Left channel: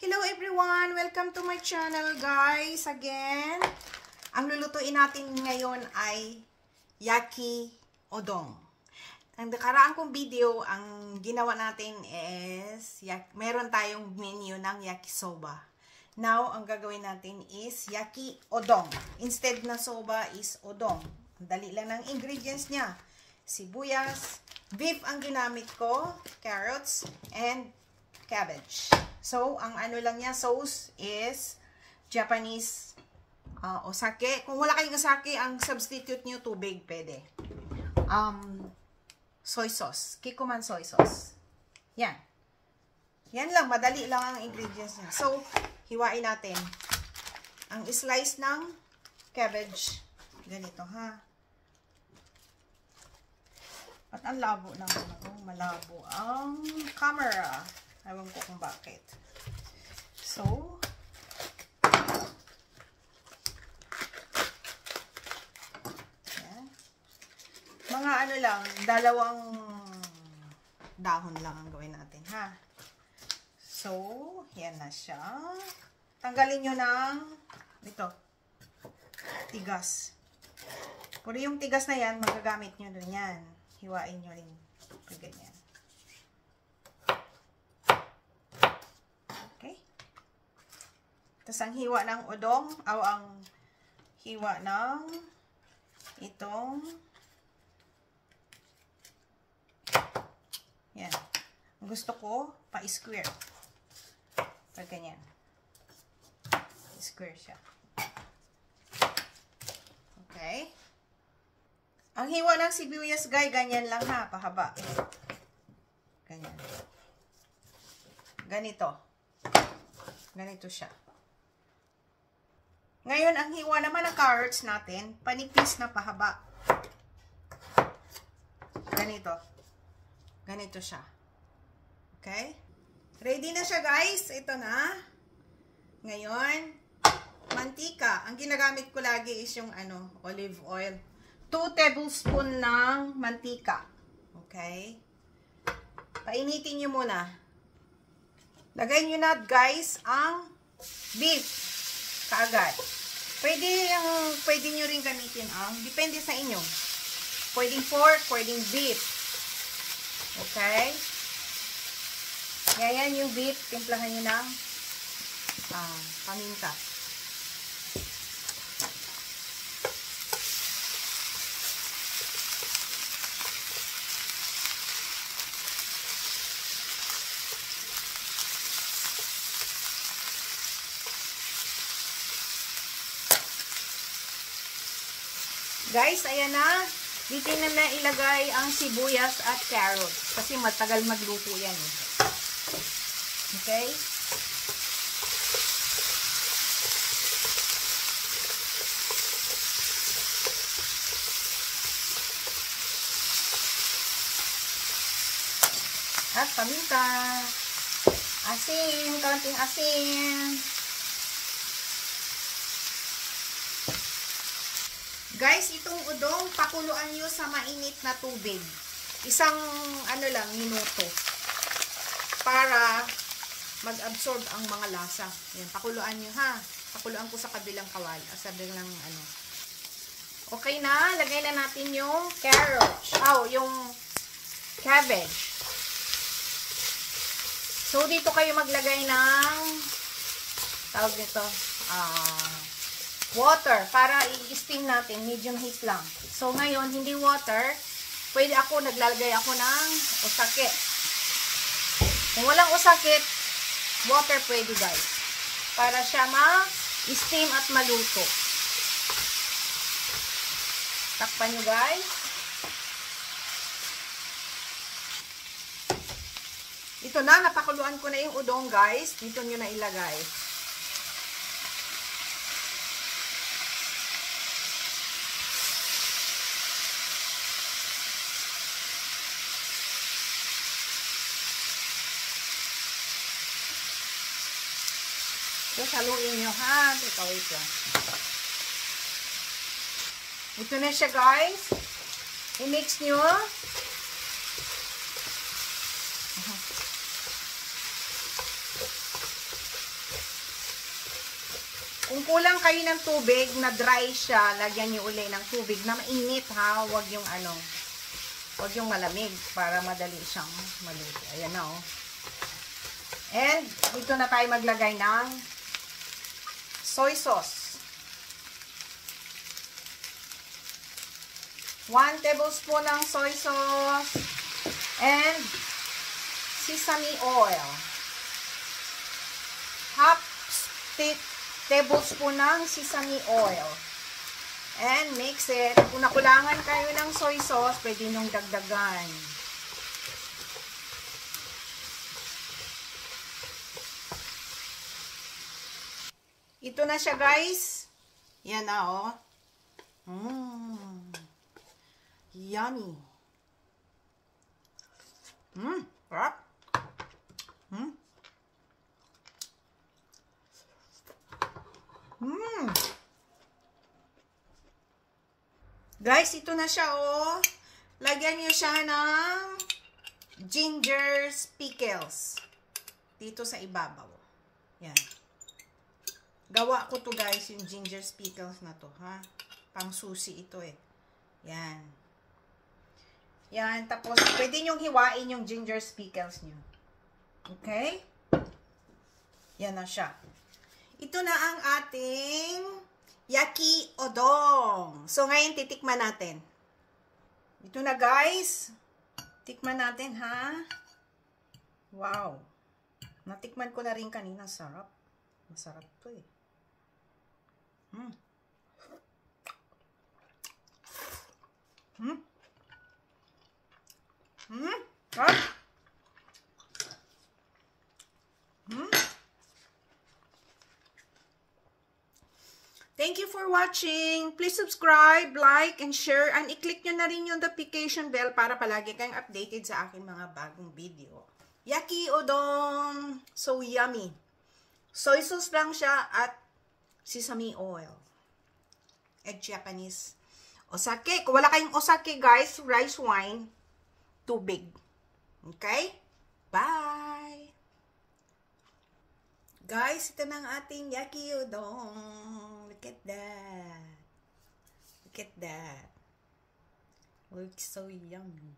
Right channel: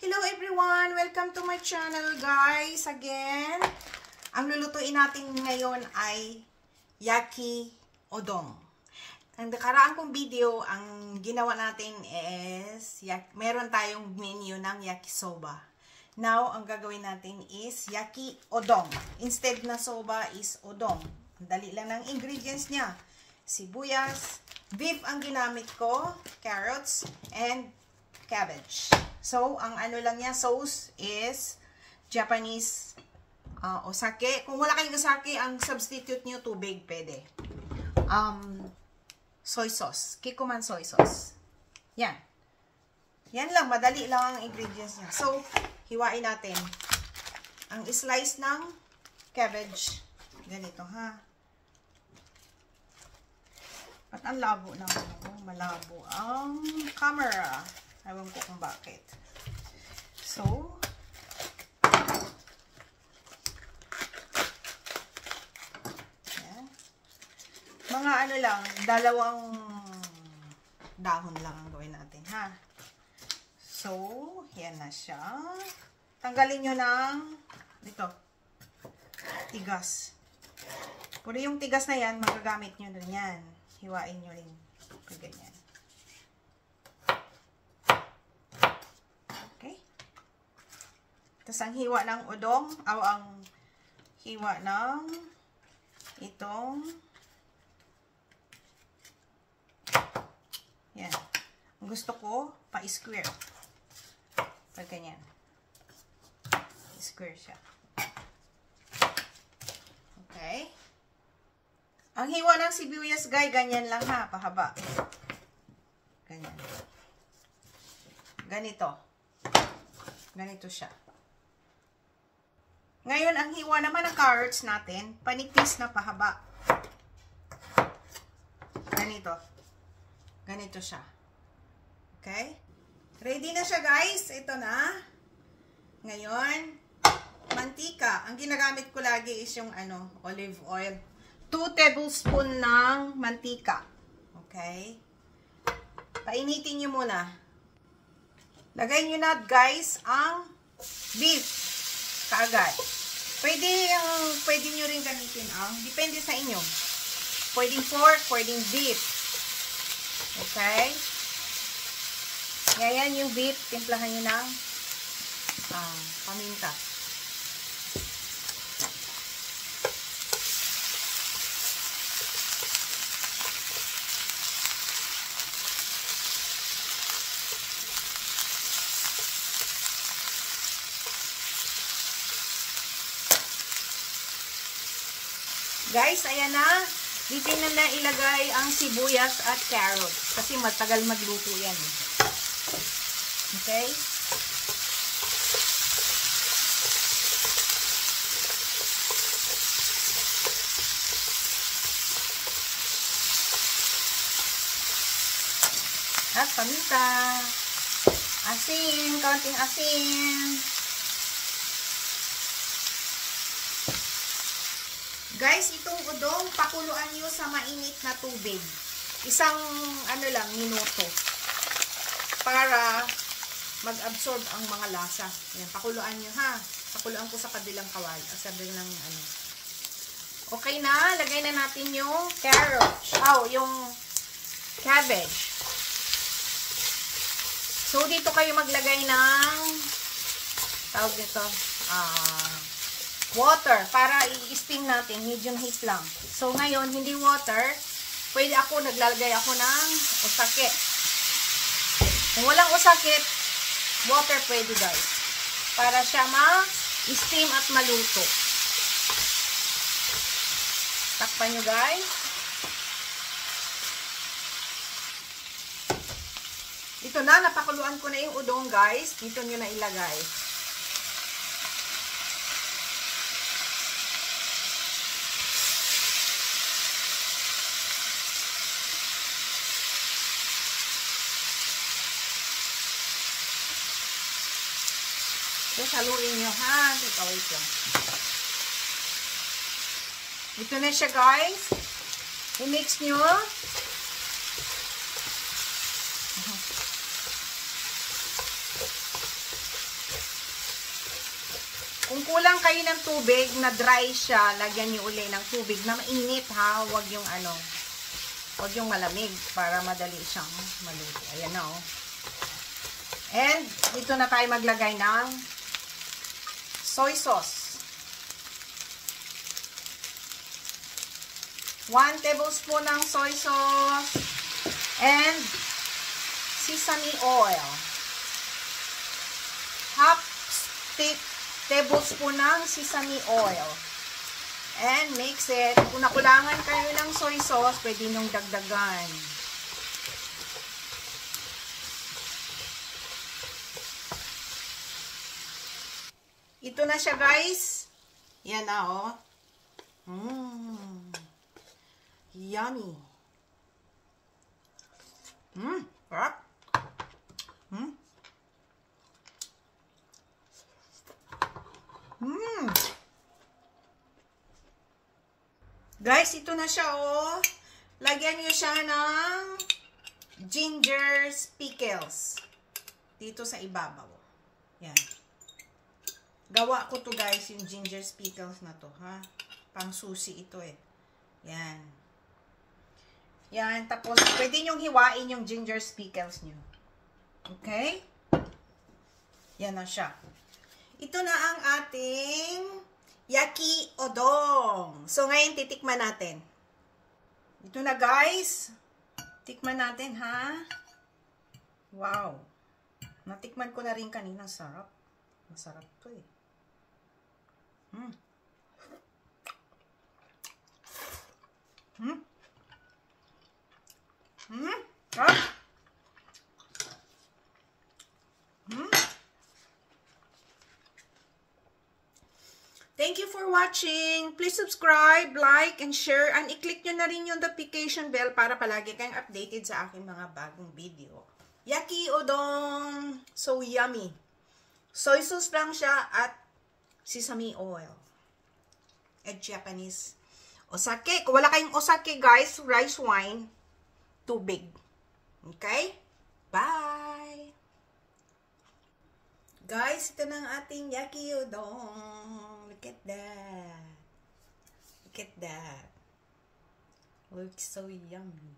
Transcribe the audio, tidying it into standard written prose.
Hello everyone! Welcome to my channel guys! Again, ang lulutuin natin ngayon ay yaki udon. Ang nakaraan kong video, ang ginawa natin is meron tayong menu ng yakisoba. Now, ang gagawin natin is yaki udon. Instead na soba is udon. Ang dali lang ng ingredients niya. Sibuyas, beef ang ginamit ko, carrots, and cabbage. So, ang ano lang niya, sauce is Japanese osake. Kung wala kayong osake, ang substitute niyo tubig, pwede. Soy sauce. Kikkoman soy sauce. Yan. Yan lang, madali lang ang ingredients niya. So, hiwain natin. Ang slice ng cabbage. Ganito, ha? At ang labo ng malabo ang camera. Ewan ko kung bakit. So, yan. Mga ano lang, dalawang dahon lang ang gawin natin, ha? So, yan na siya. Tanggalin nyo ng ito, tigas. Puro yung tigas na yan, magagamit nyo dun yan. Hiwain nyo rin. Ganyan. Tapos ang hiwa ng udong, ang hiwa ng itong, yan. Ang gusto ko, pa-square. So, ganyan. Square siya. Okay. Ang hiwa ng sibuyas, guys, ganyan lang ha, pahaba. Ganyan. Ganito. Ganito siya. Ngayon, ang hiwa naman ng carrots natin, panipis na pahaba. Ganito. Ganito siya. Okay? Ready na siya, guys. Ito na. Ngayon, mantika. Ang ginagamit ko lagi is yung olive oil. 2 tablespoon ng mantika. Okay? Painitin nyo muna. Lagay nyo na, guys, ang beef. Kaagad. Pwede nyo rin gamitin depende sa inyo. Pwedeng pork, pwedeng beef. Okay? Yan yung beef. Timplahan nyo ng paminta. Guys, ayan na. Dito na ilagay ang sibuyas at carrots. Kasi matagal magluto yan. Okay? At paminta. Asin. Kaunting asin. Guys, itong udong, pakuluan nyo sa mainit na tubig. Isang, minuto. Para mag-absorb ang mga lasa. Yan, pakuluan nyo ha. Pakuluan ko sa kabilang kawal. Sa kabilang Okay na, lagay na natin yung carrots. Yung cabbage. So, dito kayo maglagay ng tawag nito, water para i-steam natin, medium heat lang. So, ngayon, hindi water, naglalagay ako ng osake. Kung walang osake, water pwede guys. Para siya ma-steam at maluto. Takpan nyo guys. Ito na, napakuluan ko na yung udong guys. Dito nyo na ilagay. Haluin nyo ha. Wait lang. Ito na siya guys. I-mix nyo. Kung kulang kayo ng tubig, na dry siya, lagyan nyo uli ng tubig na mainit ha. Huwag yung ano, huwag yung malamig para madali siyang maluto. Ayan na oh. And dito na tayo maglagay ng soy sauce. 1 tablespoon ng soy sauce and sesame oil. Half tablespoon ng sesame oil. And mix it. Kung nakulangan kayo ng soy sauce, pwede nyung dagdagan. Ito na siya guys. Yan na oh. Yummy. Sarap. Guys, ito na siya oh. Lagyan niyo siya ng ginger pickles dito sa ibabaw. Yan. Gawa ko to guys, yung ginger pickles na to, ha? Pang susi ito eh. Yan. Yan, tapos pwede nyong hiwain yung ginger pickles nyo. Okay? Yan na siya. Ito na ang ating yaki udon. So, ngayon titikman natin. Ito na guys. Tikman natin, ha? Wow. Natikman ko na rin kanina. Sarap. Masarap to eh. Sarap. Thank you for watching. Please subscribe, like, and share. And i-click nyo na rin yung notification bell para palagi kayong updated sa aking mga bagong video. Yaki udon. So yummy. Soy sauce lang siya at sesame oil. And Japanese. Osake. Kung wala kayong osake guys, rice wine, tubig. Okay? Bye! Guys, ito na ang ating yaki udon. Look at that. Look at that. Looks so yummy.